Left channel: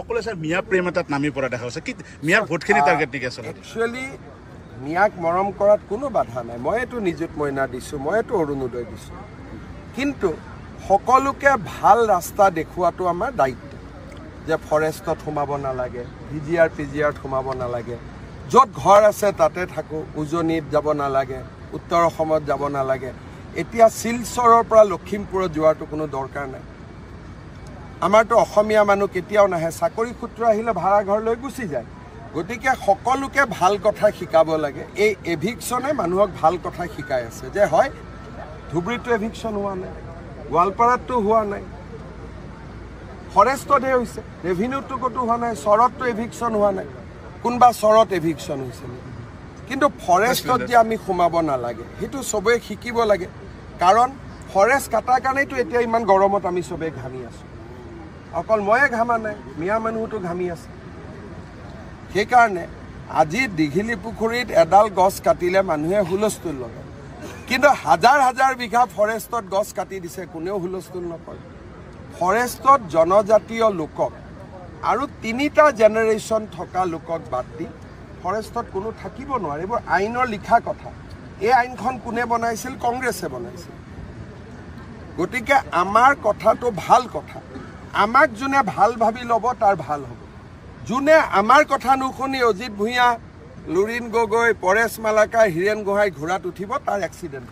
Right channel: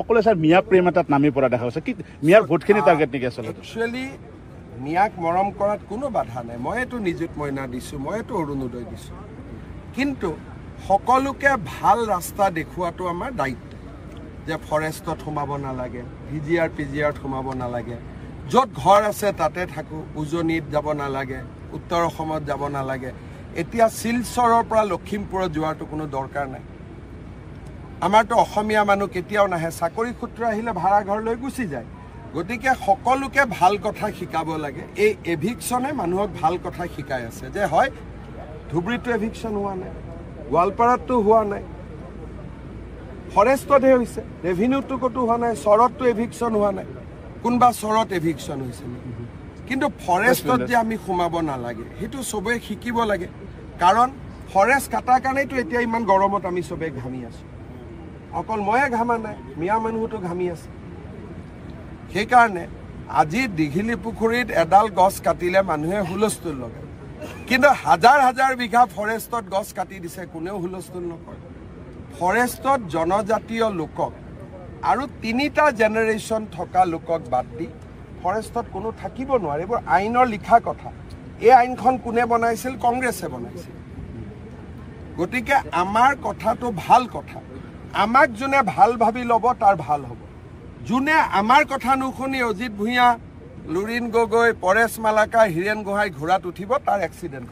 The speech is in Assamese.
সকলে স্যাৰ মিয়া প্ৰেম এটাত নামি পৰা দেখা গৈছে কি মিয়াৰ ভোটখিনি টাৰ্গেট নেকি আচলতে একচুৱেলি মিয়াক মৰম কৰাত কোনো বাধা নাই মইতো নিযুত মইনা দিছোঁ মইতো অৰুণোদয় দিছোঁ কিন্তু সকলোকে ভাল ৰাস্তা দেখুৱাটো আমাৰ দায়িত্ব যে ফৰেষ্টত সোমাব নালাগে ভিজিআৰ পিজিআৰত সোমাব নালাগে য'ত ঘৰ আছে তাতে থাকোঁ উজনিত যাব নালাগে উত্তৰ অসমত যাব নালাগে এতিয়া শিলচৰৰ পৰা লখিমপুৰত যোৱাটো কোনো দৰকাৰ নাই আমাৰতো অসমীয়া মানুহ কেতিয়াও নাহে চাকৰি সূত্ৰ আহিলে ভাড়া ঘৰ লৈ গুচি যায় গতিকে সকলোকে ভাল কথা শিকাব লাগে এই এভিকশ্যনে মানুহক ভাল কথা শিকাই আছে যে হয় ধুবুৰীতো এভিকশ্যন হোৱা নাই গোৱালপাৰাতো হোৱা নাই ফৰেষ্টতহে হৈছে ৰেভিনিউটো ক'তো হোৱা নাই চৰততো এভিকশ্যন হোৱা নাই কোনোবা চৰত এভিকশ্যন হৈছে নেকি কিন্তু ফৰেষ্টত যে আমি সোমাব নালাগে সেইটো চবেই শিকিব লাগে কাৰণ ফৰেষ্ট কাটাৰ কাৰণেতো এতিয়া ইমান গৰমত আমি চবেই ঘামি আছোঁ অকল ময়ে ঘামা নাই মিয়া মানুহতো ঘামি আছে সেইকাৰণে আজি দীঘিলী পুখুৰীত এডাল গছ কাটিলে মানুহে হুলস্থুল লগায় কিন্তু হাজাৰ হাজাৰ বিঘা ফৰেষ্টত গছ কাটি দিছে কোনেও হুলস্থুল নকৰে ফৰেষ্টত জনজাতীয় লোকক আৰু 3টা জেনেৰেশ্যন থকা লোকক বাদ দি ফৰেষ্টত কোনো থাকিব নোৱাৰে এইবোৰ আইনৰ লিখা কথা এই আইনখন কোনে বনাইছিল কংগ্ৰেছে বনাইছিল গতিকে আমাৰ কথাটো ভাল কথা আমাক যোনে ভাল ভাবি ল'ব তাৰ ভাল হ'ব যোনে আমাৰ কথা নুশুনি অজিত ভূঞা লুৰিণ গগৈ পৰেশ মালাকাৰ হীৰেণ গোহাঁই ঘোঁৰাত উঠিব তাৰ এক্সিডেণ্ট